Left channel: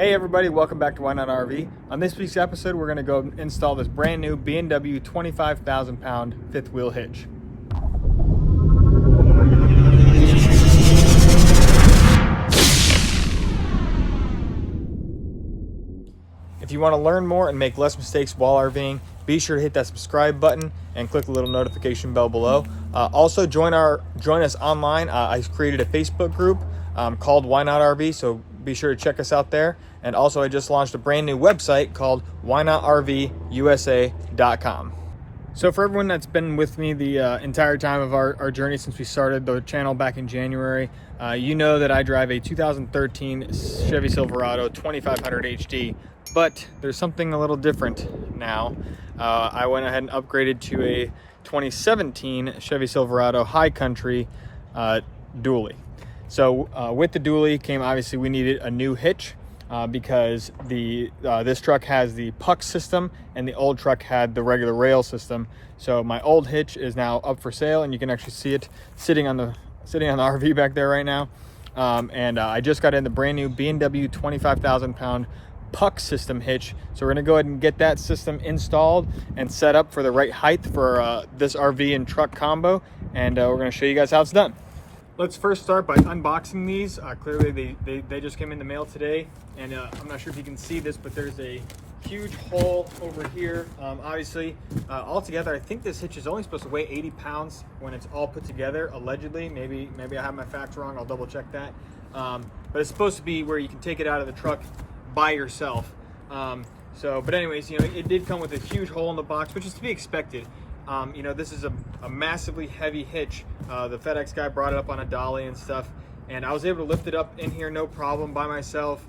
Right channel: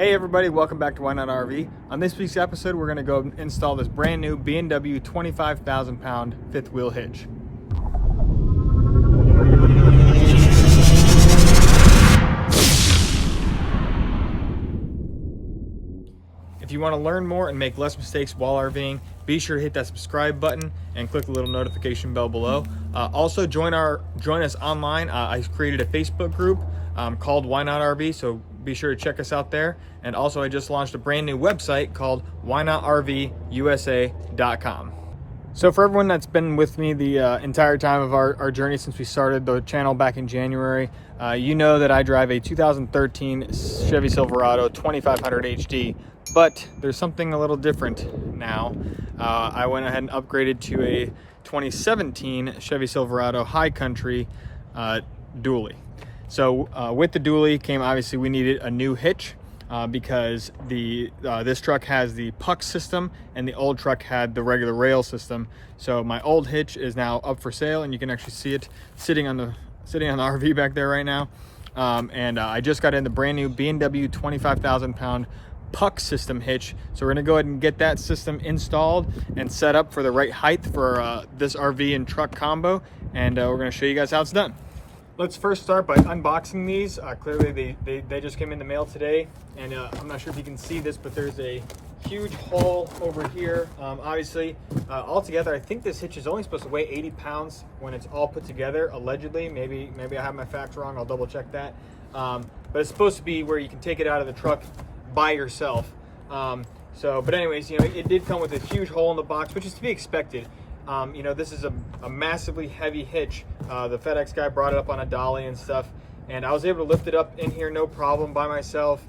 Hey everybody, welcome back to Why Not RV. On this week's episode, we're going to go install this brand new B&W 25,000 pound fifth wheel hitch. If you want to learn more and make less mistakes while RVing, be sure to hit that subscribe button and click the little notification bell below. Also join us online. I created a Facebook group called Why Not RV, so be sure to check us out there. And also I just launched a brand new website called whynotrvusa.com. So for everyone that's been with me the entire time of our journey since we started the channel back in January, you know that I drive a 2013 Chevy Silverado 2500 HD, but there's something a little different now. I went ahead and upgraded to a 2017 Chevy Silverado High Country dually. So with the dually came, obviously we needed a new hitch because this truck has the puck system and the old truck had the regular rail system. So my old hitch is now up for sale, and you can actually see it sitting on the RV back there right now. I just got in the brand new B&W 25,000 pound puck system hitch. So we're gonna go ahead and get that system installed and set up for the right height for this RV and truck combo. And we're gonna show you guys how it's done. Let's first start by unboxing these. Clearly they just came in the mail today, and I'm not sure if you can see this, but there's a huge hole over here. Obviously, altogether, I think this hitch is only supposed to weigh 80 pounds when it's all put together, allegedly. Maybe I have my facts wrong, I'll double check that. But it's supposed to be where you can take it out of the truck by yourself. But anyways, it did come with a huge hole in the box, which is to be expected. This is a massively heavy hitch. The FedEx guy brought it up on a dolly and stuff, and I was able to lift it up in here no problem by myself.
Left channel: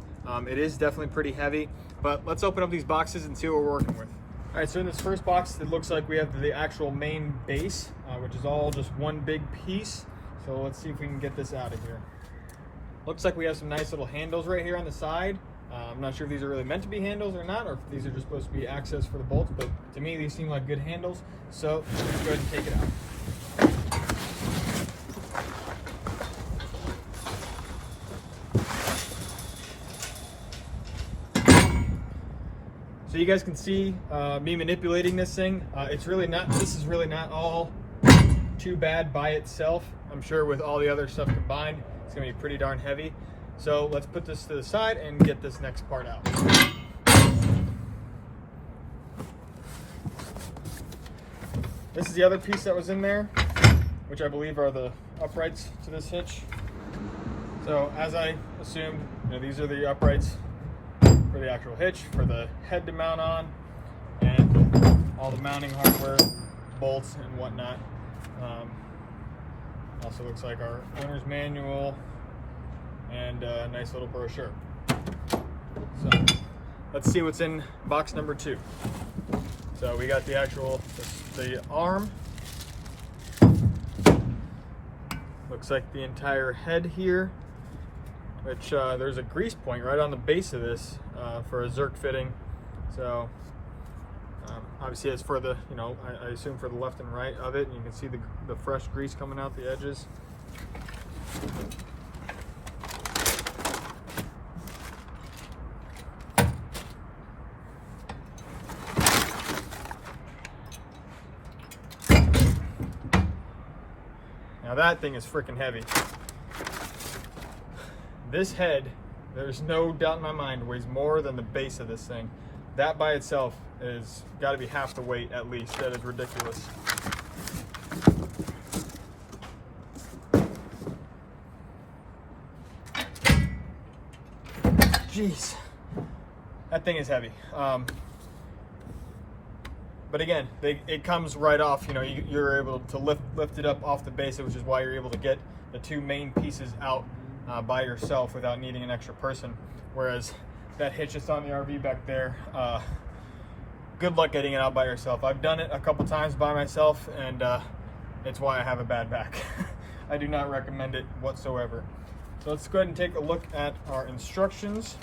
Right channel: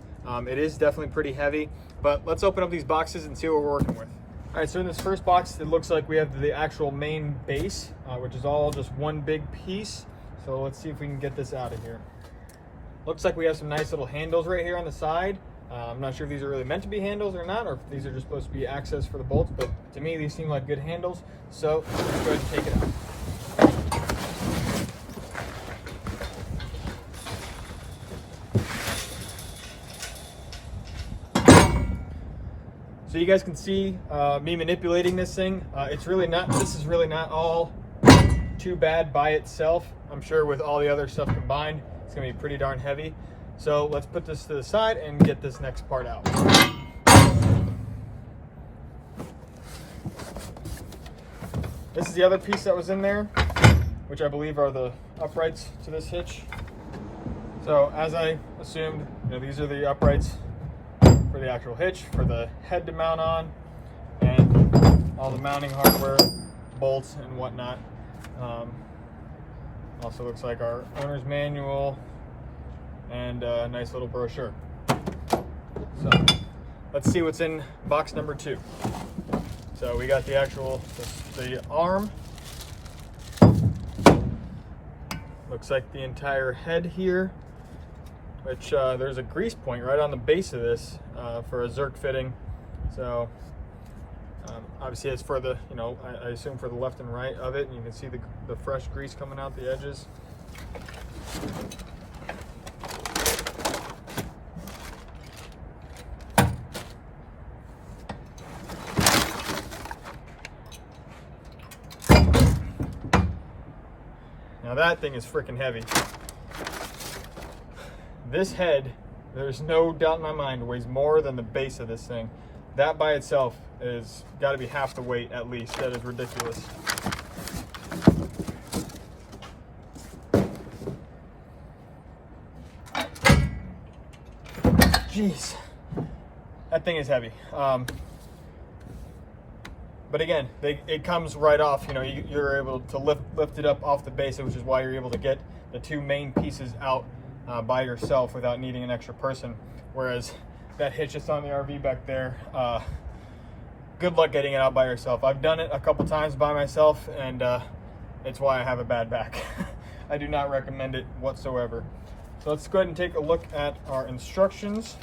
It is definitely pretty heavy, but let's open up these boxes and see what we're working with. All right, so in this first box, it looks like we have the actual main base, which is all just one big piece. So let's see if we can get this out of here. Looks like we have some nice little handles right here on the side. I'm not sure if these are really meant to be handles or not, or if these are just supposed to be access for the bolts, but to me these seem like good handles. So let's go ahead and take it out. So you guys can see me manipulating this thing. This is really not all too bad by itself. I'm sure with all the other stuff combined, it's gonna be pretty darn heavy. So let's put this to the side and get this next part out. This is the other piece that was in there, which I believe are the uprights to this hitch. So as I assumed, these are the uprights for the actual hitch, for the head to mount on, and all the mounting hardware, bolts and whatnot. Also looks like our owner's manual and a nice little brochure. So let's see what's in box number 2. So we got the actual, the arm. Looks like the entire head here, which there's a grease point right on the base of this for a Zerk fitting. So obviously it's for the, I assume for the left and right of it, and you can see the fresh grease coming out the edges. Now that thing is freaking heavy. This head, there's no doubt in my mind, weighs more than the base of this thing. That by itself is got to be half the weight at least. That is ridiculous. Jeez, that thing is heavy. But again, it comes right off. You're able to lift it up off the base, which is why you're able to get the two main pieces out by yourself without needing an extra person. Whereas that hitch that's on the RV back there, good luck getting it out by yourself. I've done it a couple times by myself, and it's why I have a bad back. I do not recommend it whatsoever. So let's go ahead and take a look at our instructions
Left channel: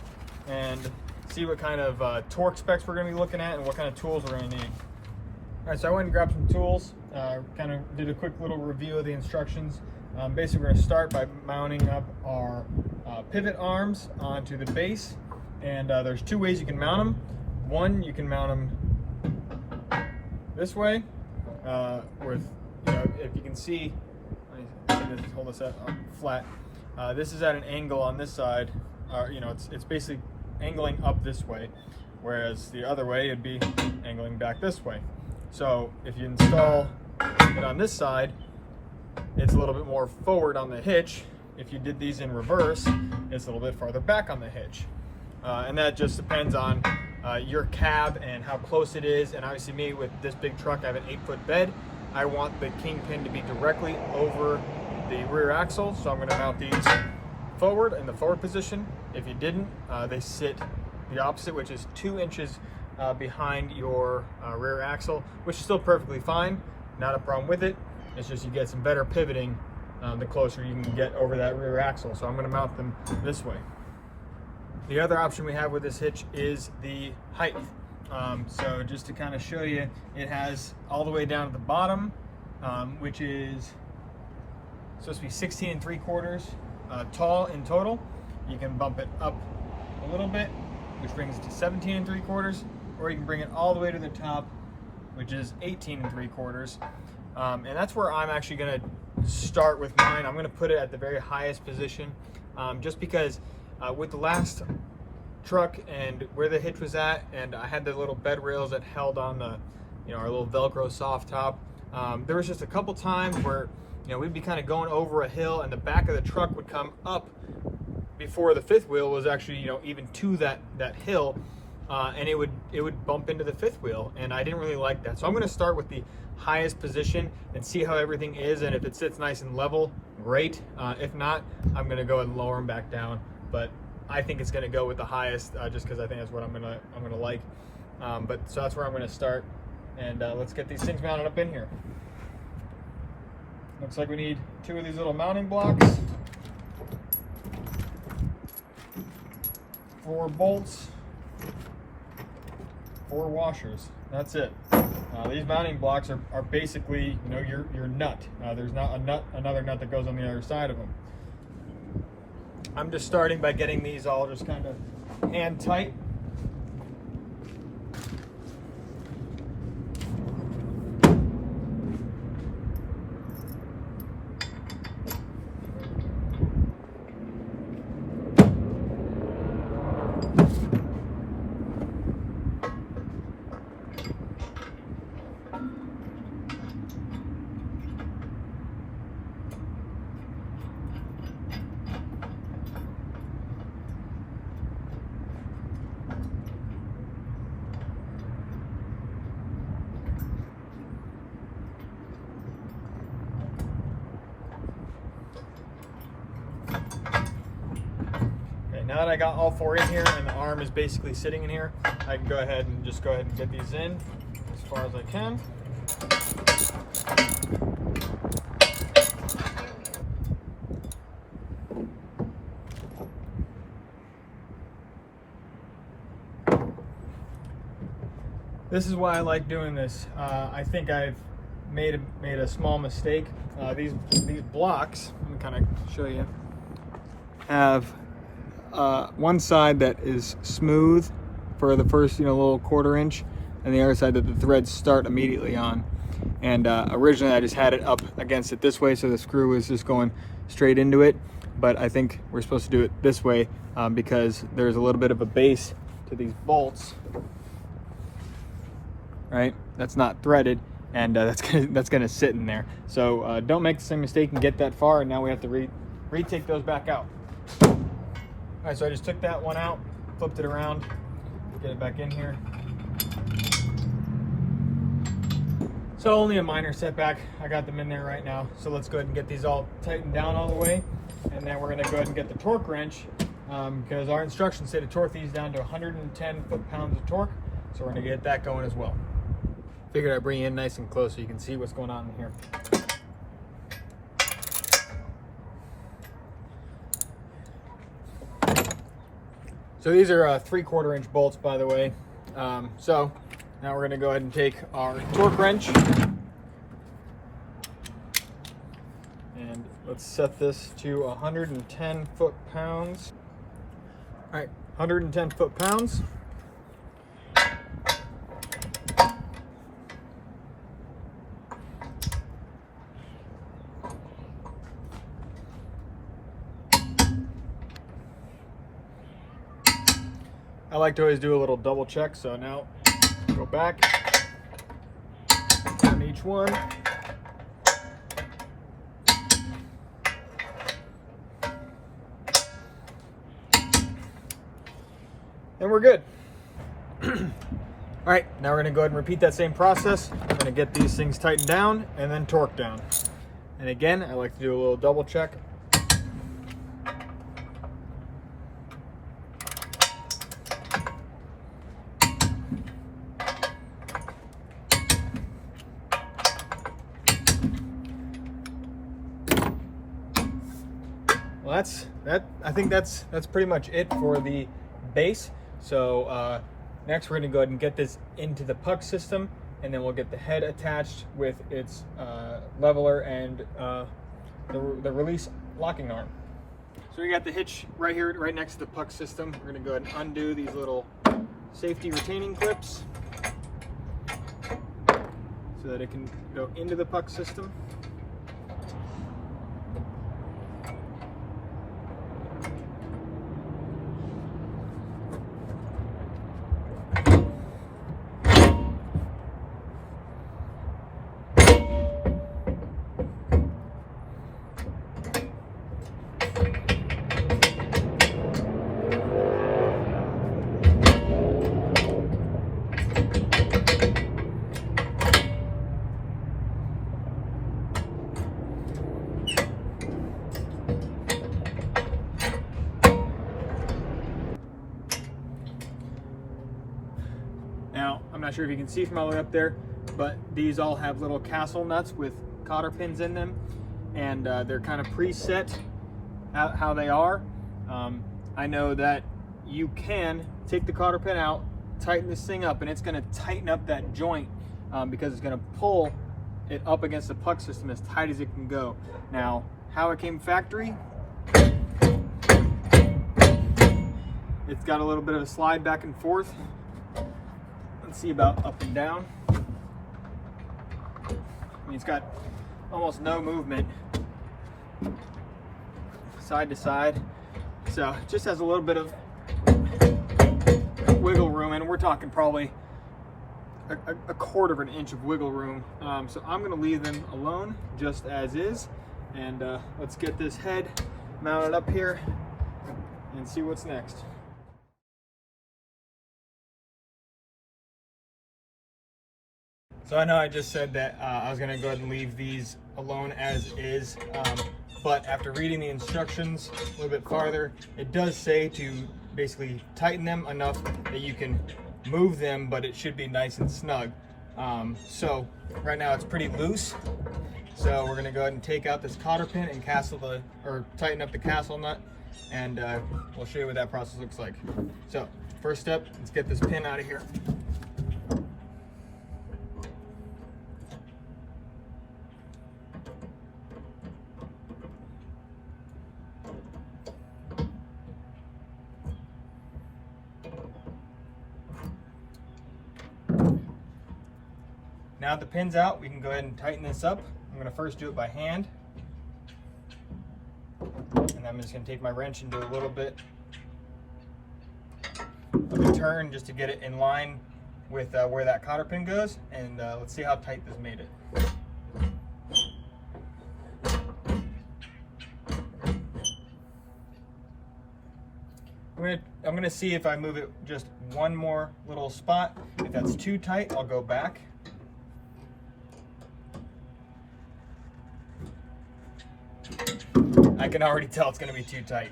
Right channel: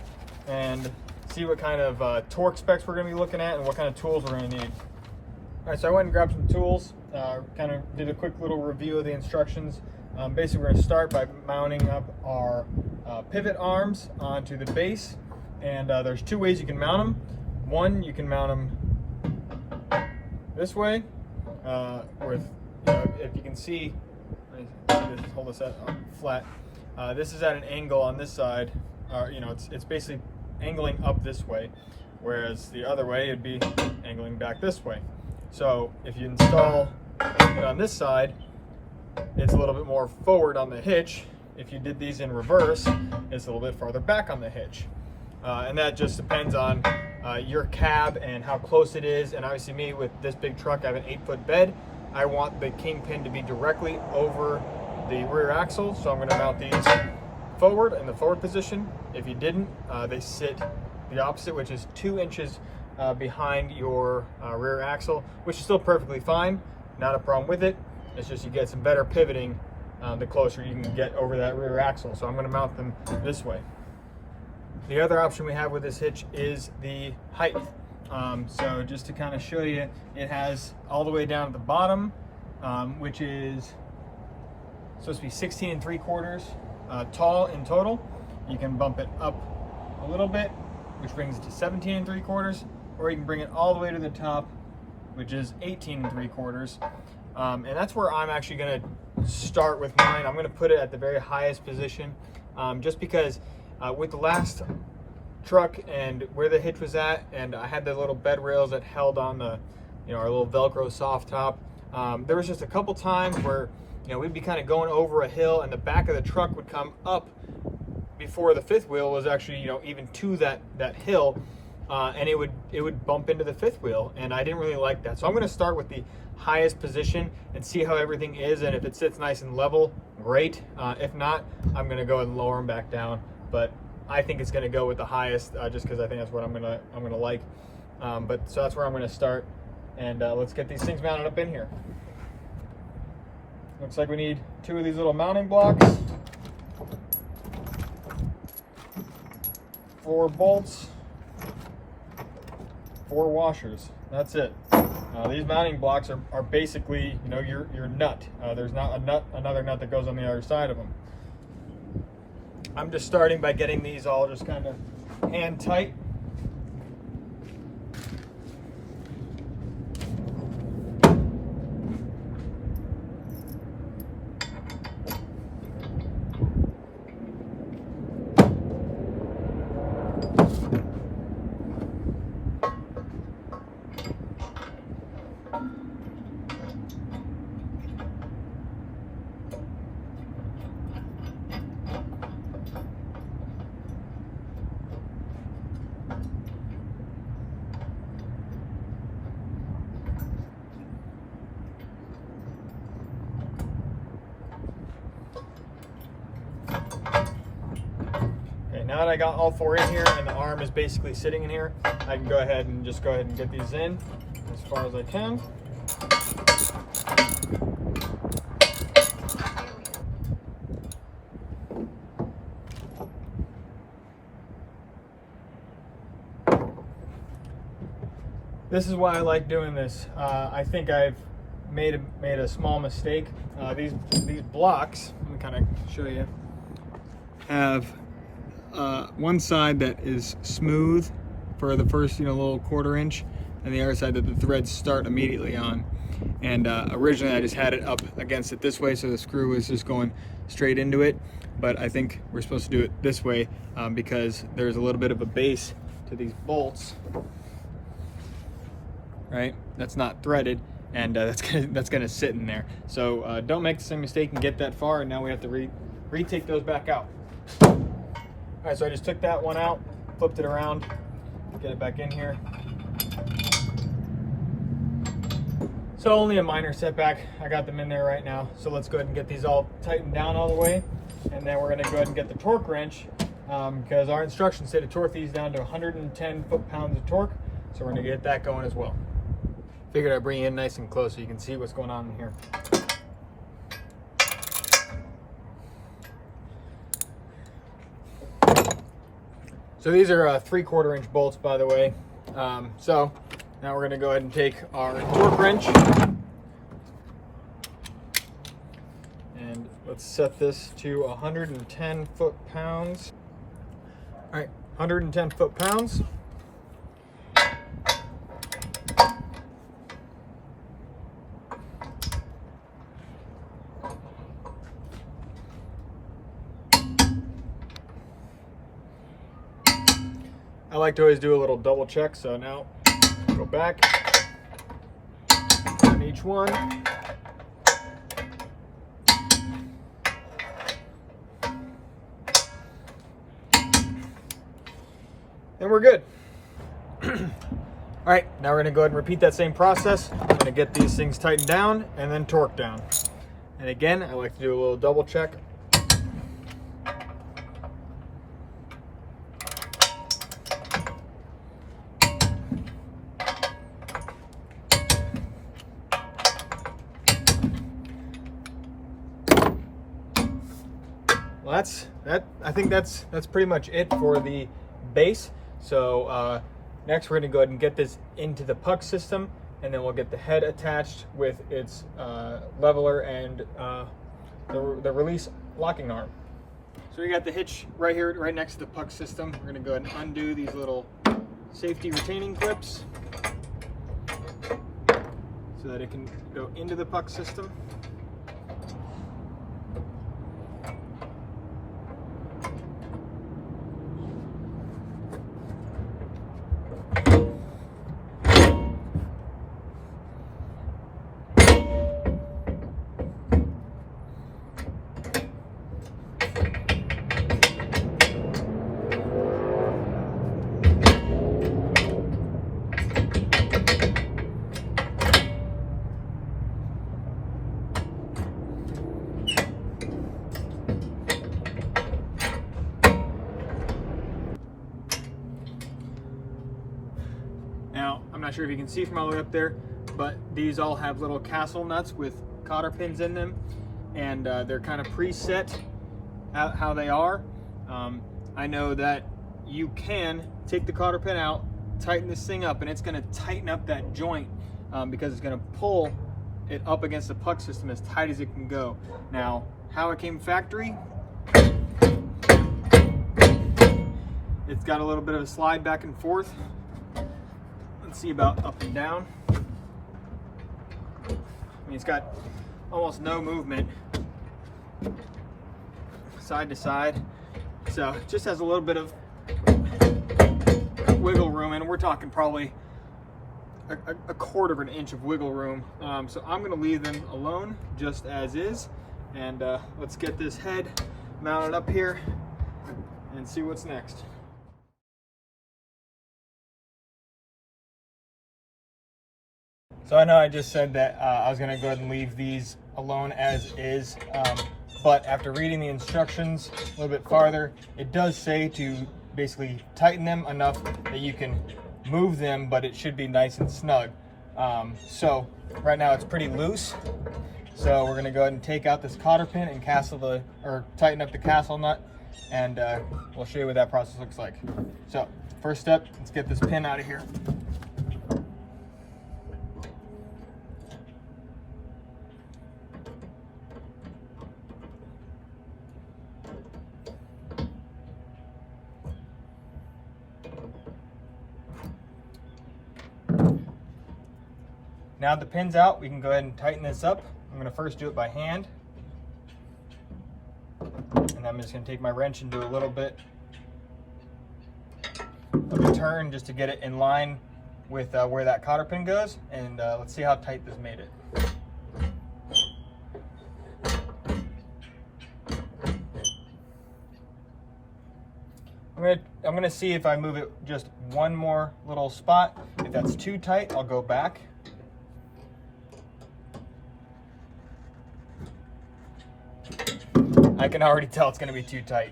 and see what kind of torque specs we're going to be looking at and what kind of tools we're going to need. All right, so I went and grabbed some tools, kind of did a quick little review of the instructions. Basically, we're going to start by mounting up our pivot arms onto the base. And there's two ways you can mount them. One, you can mount them this way, with, if you can see, hold this up flat. This is at an angle on this side. It's basically angling up this way, whereas the other way it'd be angling back this way. So if you install it on this side, it's a little bit more forward on the hitch. If you did these in reverse, it's a little bit farther back on the hitch. And that just depends on your cab and how close it is. And obviously me, with this big truck, I have an 8-foot bed. I want the kingpin to be directly over the rear axle, so I'm going to mount these forward in the forward position. If you didn't, they sit the opposite, which is 2 inches behind your rear axle, which is still perfectly fine. Not a problem with it. It's just you get some better pivoting the closer you can get over that rear axle. So I'm going to mount them this way. The other option we have with this hitch is the height. So just to kind of show you, it has all the way down at the bottom, which is supposed to be 16 3/4 tall in total. You can bump it up a little bit, which brings it to 17 3/4, or you can bring it all the way to the top, which is 18 3/4. And that's where I'm actually going to start with mine. I'm going to put it at the very highest position, just because with the last truck and where the hitch was at, and I had the little bed rails that held on the, our little Velcro soft top. There was just a couple times where, we'd be kind of going over a hill, and the back of the truck would come up before the fifth wheel was actually, even to that hill, and it would bump into the fifth wheel, and I didn't really like that. So I'm going to start with the highest position and see how everything is, and if it sits nice and level, great. If not, I'm going to go ahead and lower them back down. But I think it's going to go with the highest, just because I think that's what I'm gonna like. But so that's where I'm going to start, and let's get these things mounted up in here. Looks like we need 2 of these little mounting blocks, 4 bolts, 4 washers. That's it. These mounting blocks are basically, your nut. There's not another nut that goes on the other side of them. I'm just starting by getting these all just kind of hand tight. Now that I got all 4 in here and the arm is basically sitting in here, I can go ahead and get these in as far as I can. This is why I like doing this. I think I've made a small mistake. These blocks, let me kind of show you, have one side that is smooth for the first little 1/4 inch, and the other side that the threads start immediately on. And originally I just had it up against it this way, so the screw is just going straight into it. But I think we're supposed to do it this way because there's a little bit of a base to these bolts, right? That's not threaded, and that's gonna sit in there. So don't make the same mistake and get that far, and now we have to retake those back out. All right, so I just took that one out, flipped it around, get it back in here. So only a minor setback. I got them in there right now. So let's go ahead and get these all tightened down all the way. And then we're gonna go ahead and get the torque wrench because our instructions say to torque these down to 110 foot-pounds of torque. So we're gonna get that going as well. Figured I'd bring you in nice and close so you can see what's going on in here. So these are 3/4 inch bolts, by the way. So now we're going to go ahead and take our torque wrench and let's set this to 110 foot-pounds. All right, 110 foot-pounds. I like to always do a little double check, so now go back on each one. And we're good. All right, now we're gonna go ahead and repeat that same process. I'm gonna get these things tightened down and then torqued down. And again, I like to do a little double check. Well, I think that's pretty much it for the base. So next we're gonna go ahead and get this into the puck system, and then we'll get the head attached with its leveler and the release locking arm. So we got the hitch right here, right next to the puck system. We're gonna go ahead and undo these little safety retaining clips so that it can go into the puck system. Now, I'm not sure if you can see from all the way up there, but these all have little castle nuts with cotter pins in them, and they're kind of preset how they are. I know that you can take the cotter pin out, tighten this thing up, and it's gonna tighten up that joint because it's gonna pull it up against the puck system as tight as it can go. Now, how it came factory, it's got a little bit of a slide back and forth. Let's see about up and down. I mean, it's got almost no movement side to side. So it just has a little bit of wiggle room, and we're talking probably a quarter of an inch of wiggle room. So I'm gonna leave them alone just as is. And let's get this head mounted up here and see what's next. So I know I just said that I was gonna go ahead and leave these alone as is, but after reading the instructions a little bit farther, it does say to basically tighten them enough that you can move them, but it should be nice and snug. So right now it's pretty loose. So we're gonna go ahead and take out this cotter pin and tighten up the castle nut, and we'll show you what that process looks like. So first step, let's get this pin out of here. Now the pin's out, we can go ahead and tighten this up. I'm gonna first do it by hand. And I'm just gonna take my wrench and do a little bit of a turn just to get it in line with where that cotter pin goes. And let's see how tight this made it. I'm gonna see if I move it just one more little spot. If that's too tight, I'll go back. I can already tell it's going to be too tight.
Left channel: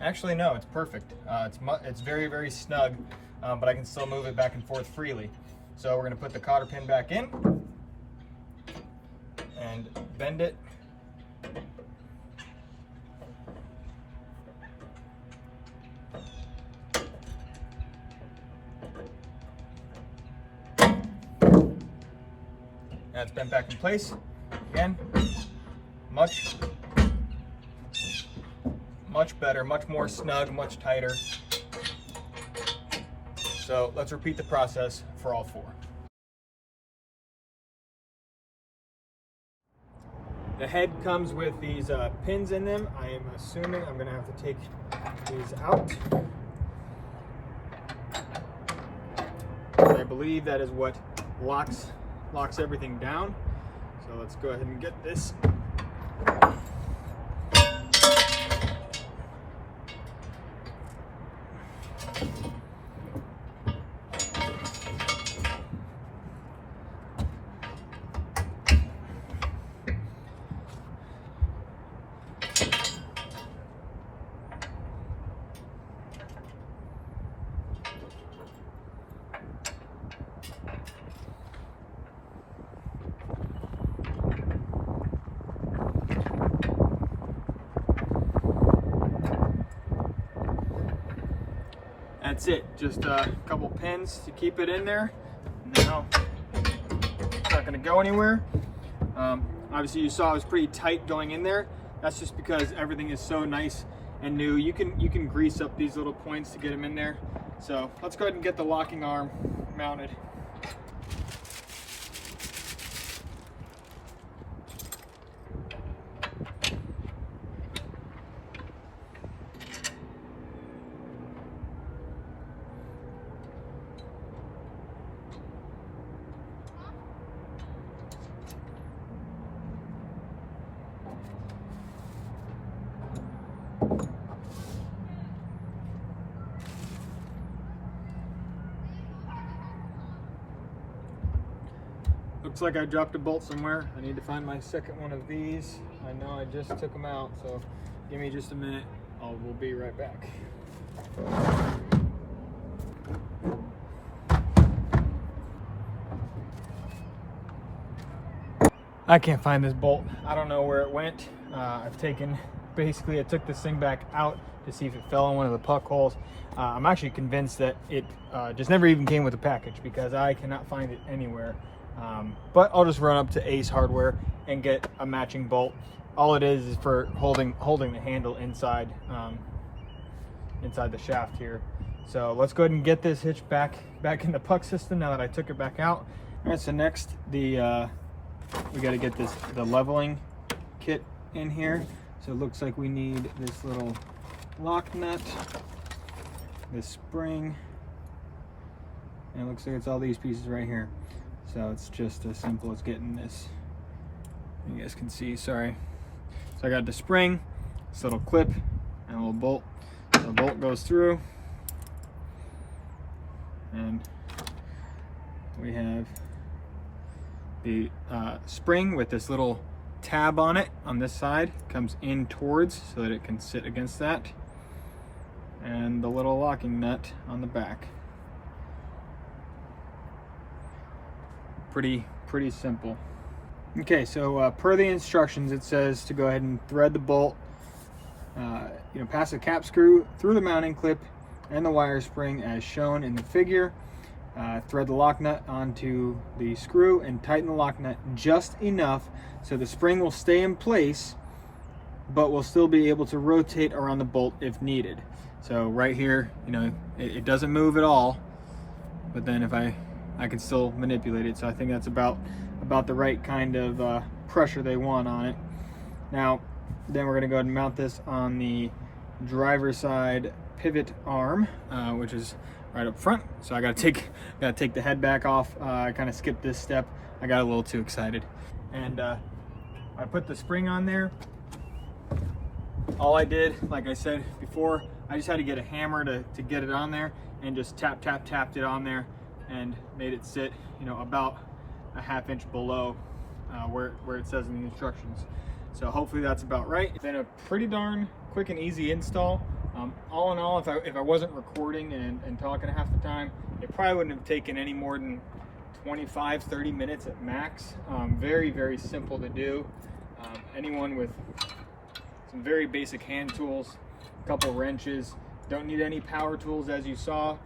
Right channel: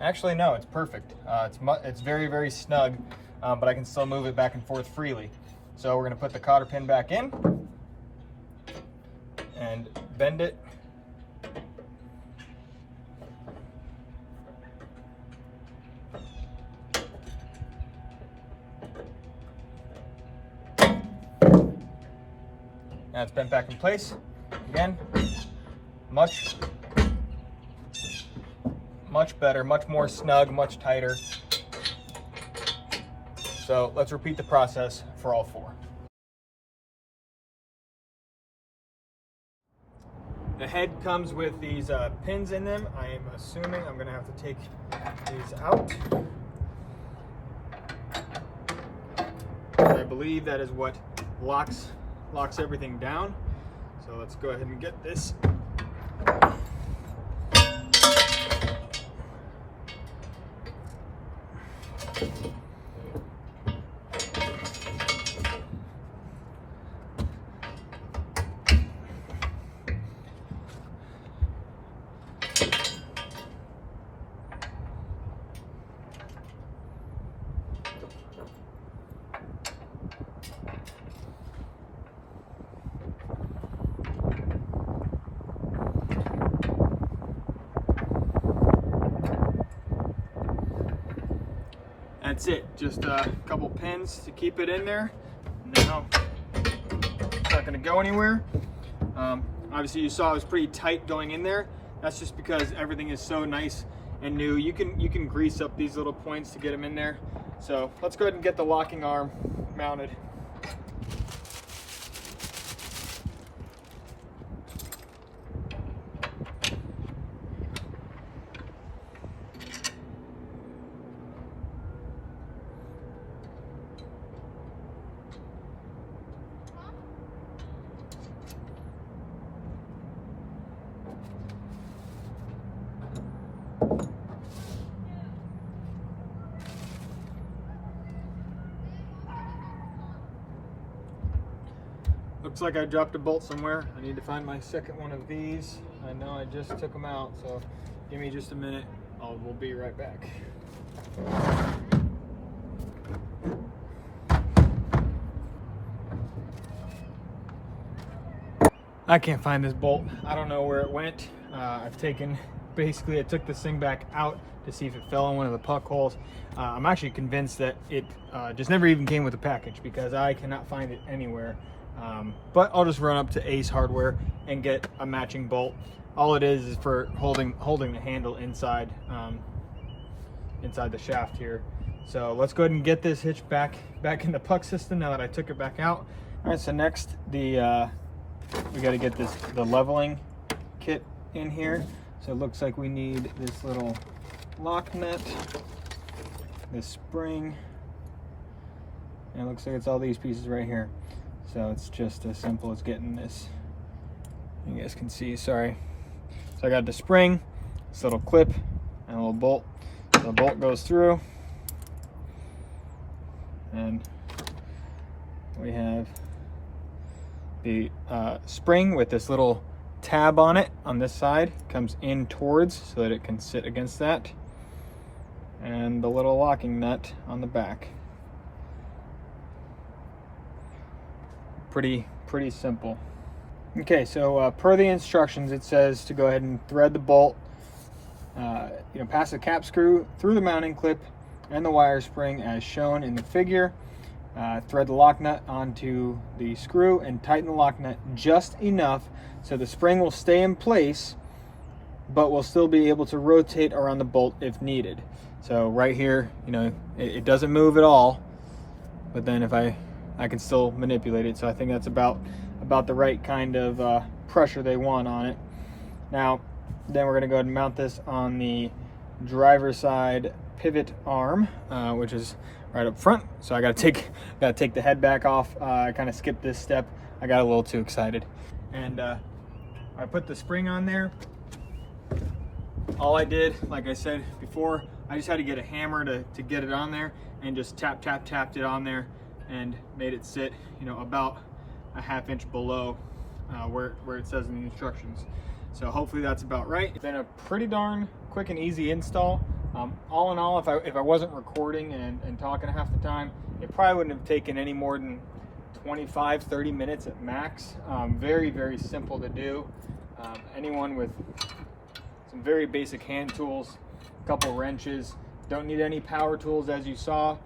Actually, no, it's perfect. It's very, very snug, but I can still move it back and forth freely. So we're going to put the cotter pin back in and bend it. Now it's bent back in place. Again, much much better, much more snug, much tighter. So let's repeat the process for all 4. The head comes with these pins in them. I am assuming I'm gonna have to take these out. I believe that is what locks everything down. So let's go ahead and get this. That's it, just a couple pins to keep it in there. Now, it's not gonna go anywhere. Obviously you saw it was pretty tight going in there. That's just because everything is so nice and new. You can grease up these little points to get them in there. So let's go ahead and get the locking arm mounted. Looks like I dropped a bolt somewhere. I need to find my second one of these. I know I just took them out, so give me just a minute. We'll be right back. I can't find this bolt. I don't know where it went. I took this thing back out to see if it fell in one of the puck holes. I'm actually convinced that it just never even came with a package because I cannot find it anywhere. But I'll just run up to Ace Hardware and get a matching bolt. All it is for holding the handle inside the shaft here. So let's go ahead and get this hitch back in the puck system now that I took it back out. All right, so next we got to get the leveling kit in here. So it looks like we need this little lock nut, this spring, and it looks like it's all these pieces right here. So it's just as simple as getting this. You guys can see, sorry. So I got the spring, this little clip, and a little bolt. So the bolt goes through, and we have the spring with this little tab on it on this side, comes in towards so that it can sit against that, and the little locking nut on the back. Pretty simple. Okay, so per the instructions, it says to go ahead and thread the bolt, pass the cap screw through the mounting clip and the wire spring as shown in the figure. Thread the lock nut onto the screw and tighten the lock nut just enough so the spring will stay in place, but will still be able to rotate around the bolt if needed. So right here, it doesn't move at all, but then if I can still manipulate it. So I think that's about the right kind of pressure they want on it. Now, then we're gonna go ahead and mount this on the driver's side pivot arm, which is right up front. So I gotta take the head back off. I kind of skipped this step. I got a little too excited. And I put the spring on there. All I did, like I said before, I just had to get a hammer to get it on there and just tapped it on there and made it sit, about a ½ inch below where it says in the instructions. So hopefully that's about right. It's been a pretty darn quick and easy install. All in all, if I wasn't recording and talking half the time, it probably wouldn't have taken any more than 25-30 minutes at max. Very, very simple to do. Anyone with some very basic hand tools, a couple wrenches, don't need any power tools as you saw.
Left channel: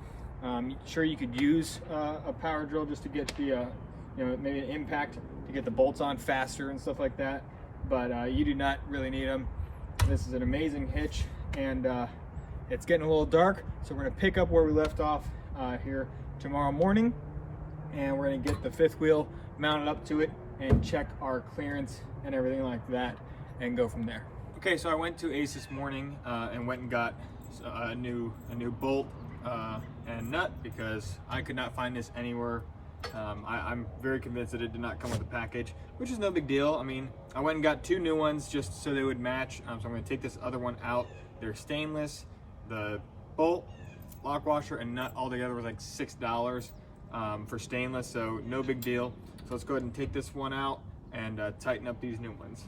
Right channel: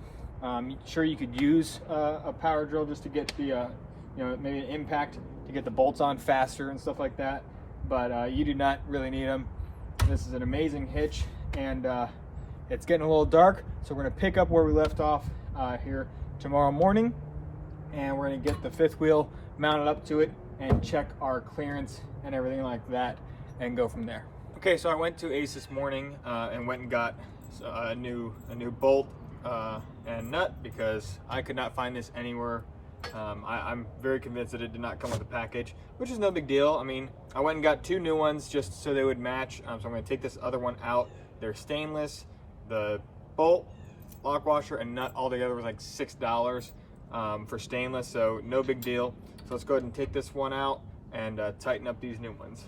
Sure, you could use a power drill just to get the, maybe an impact to get the bolts on faster and stuff like that, but you do not really need them. This is an amazing hitch, and it's getting a little dark, so we're gonna pick up where we left off here tomorrow morning, and we're gonna get the fifth wheel mounted up to it and check our clearance and everything like that and go from there. Okay, so I went to Ace this morning and went and got a new bolt and nut because I could not find this anywhere. I'm very convinced that it did not come with a package, which is no big deal. I mean, I went and got 2 new ones just so they would match. So I'm going to take this other one out. They're stainless. The bolt, lock washer, and nut all together was like $6 for stainless, so no big deal. So let's go ahead and take this one out and tighten up these new ones.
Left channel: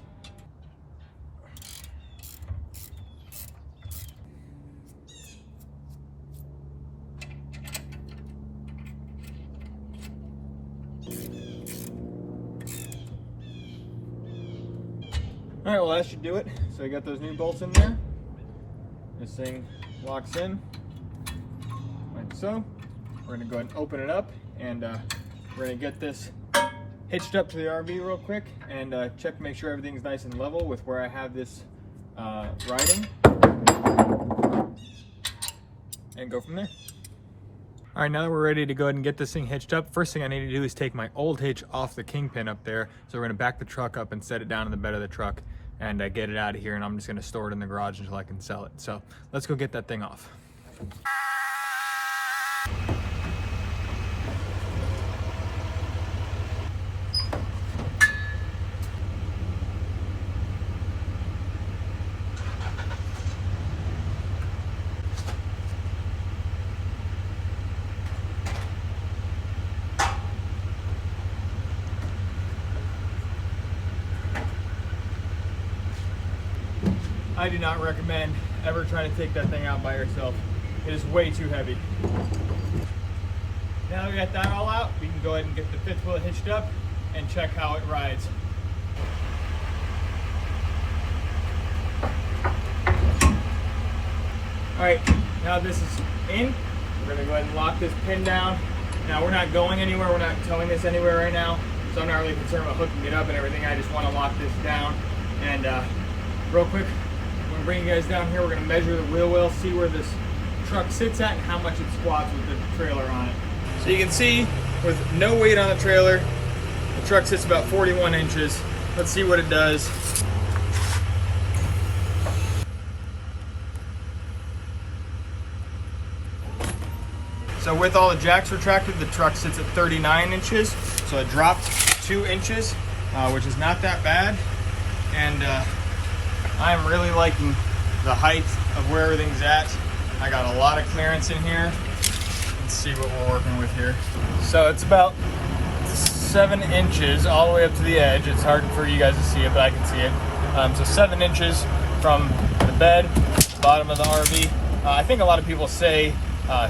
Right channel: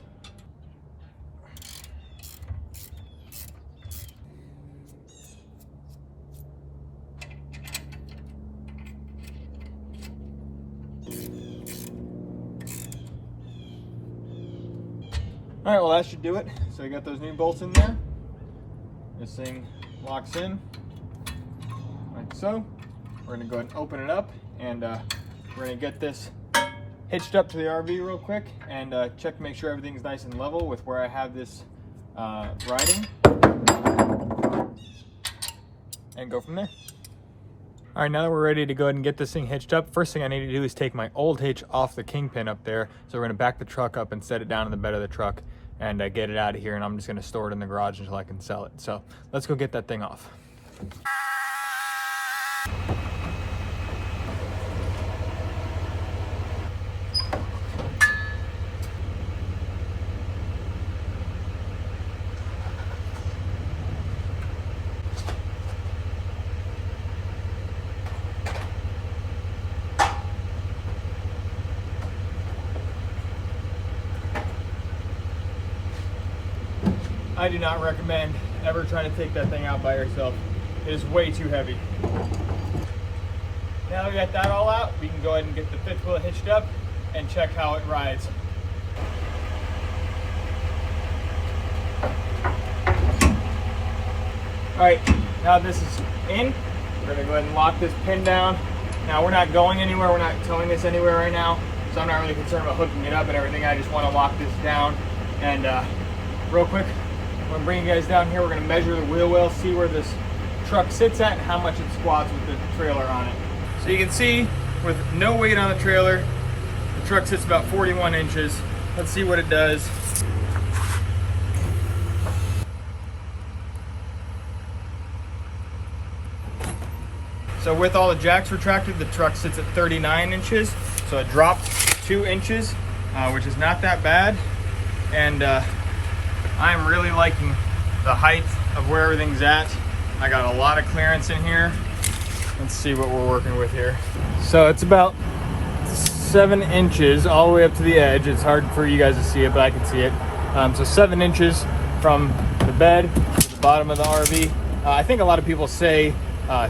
All right, well that should do it. So you got those new bolts in there. This thing locks in like so. We're gonna go ahead and open it up, and we're gonna get this hitched up to the RV real quick and check to make sure everything's nice and level with where I have this riding, and go from there. All right, now that we're ready to go ahead and get this thing hitched up, first thing I need to do is take my old hitch off the kingpin up there. So we're gonna back the truck up and set it down in the bed of the truck and get it out of here, and I'm just gonna store it in the garage until I can sell it. So let's go get that thing off. I do not recommend ever trying to take that thing out by yourself. It is way too heavy. Now we got that all out, we can go ahead and get the fifth wheel hitched up and check how it rides. All right, now this is in. We're gonna go ahead and lock this pin down. Now we're not going anywhere, we're not towing this anywhere right now, so I'm not really concerned about hooking it up and everything. I just wanna lock this down. And real quick, I'm gonna bring you guys down here. We're gonna measure the wheel well, see where this truck sits at and how much it squats with the trailer on it. So you can see with no weight on the trailer, the truck sits about 41 inches. Let's see what it does. So with all the jacks retracted, the truck sits at 39 inches. So it dropped 2 inches, which is not that bad. And I'm really liking the height of where everything's at. I got a lot of clearance in here. Let's see what we're working with here. So it's about 7 inches all the way up to the edge. It's hard for you guys to see it, but I can see it. So 7 inches from the bed, bottom of the RV. I think a lot of people say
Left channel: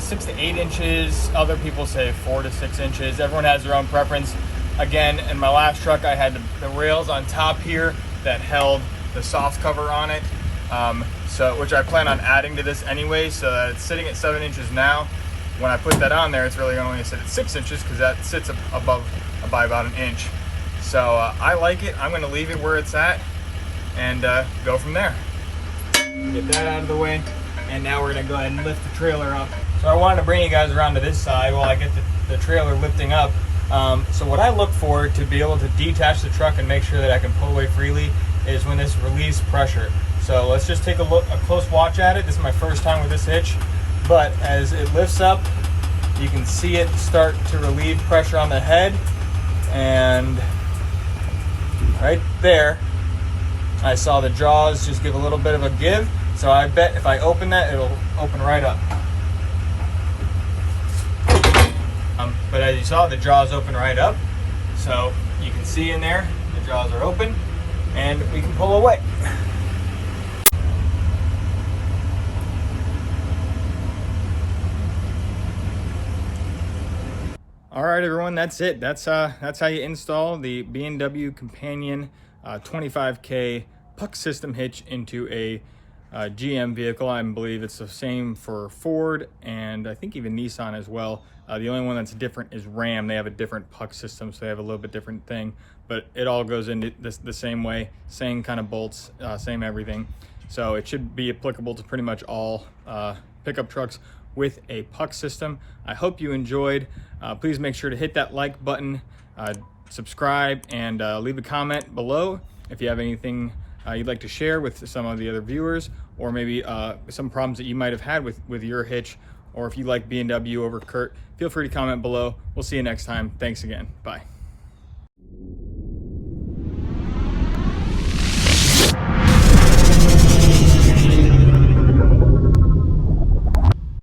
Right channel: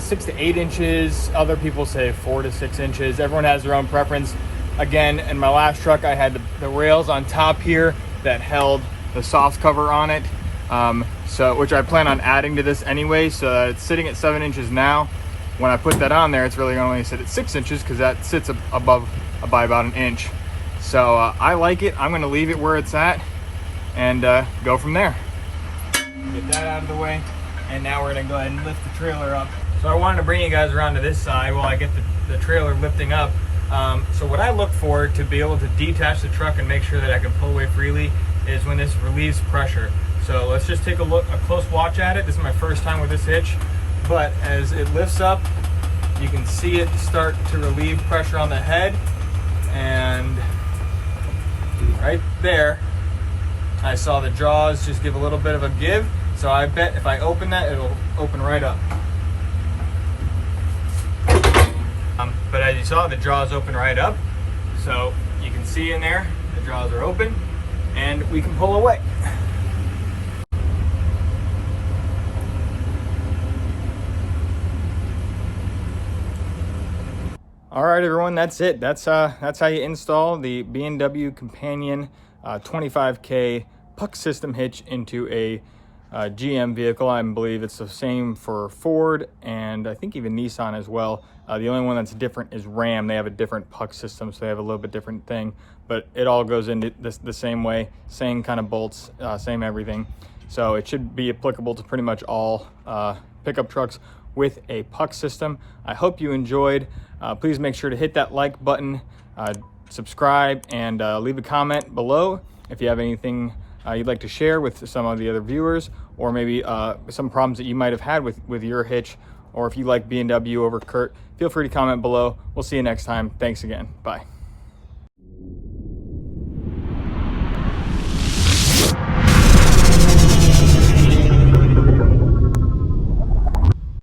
6 to 8 inches. Other people say 4 to 6 inches. Everyone has their own preference. Again, in my last truck, I had the rails on top here that held the soft cover on it, which I plan on adding to this anyway, so it's sitting at 7 inches now. When I put that on there, it's really only sit at 6 inches because that sits above by about 1 inch. So I like it. I'm gonna leave it where it's at and go from there. Get that out of the way, and now we're gonna go ahead and lift the trailer up. So I wanted to bring you guys around to this side while I get the trailer lifting up. So what I look for to be able to detach the truck and make sure that I can pull away freely is when this relieves pressure. So let's just take a close watch at it. This is my first time with this hitch, but as it lifts up, you can see it start to relieve pressure on the head, and right there, I saw the jaws just give a little bit of a give. So I bet if I open that, it'll open right up. But as you saw, the jaws open right up. So you can see in there, the jaws are open, and we can pull away. All right, everyone, that's it. That's how you install the B&W Companion 25K puck system hitch into a GM vehicle. I believe it's the same for Ford and I think even Nissan as well. The only one that's different is Ram. They have a different puck system, so they have a little bit different thing, but it all goes into the same way, same kind of bolts, same everything. So it should be applicable to pretty much all pickup trucks with a puck system. I hope you enjoyed. Please make sure to hit that like button, subscribe, and leave a comment below if you have anything you'd like to share with some of the other viewers, or maybe some problems that you might have had with your hitch, or if you like B&W over Kurt, feel free to comment below. We'll see you next time. Thanks again. Bye.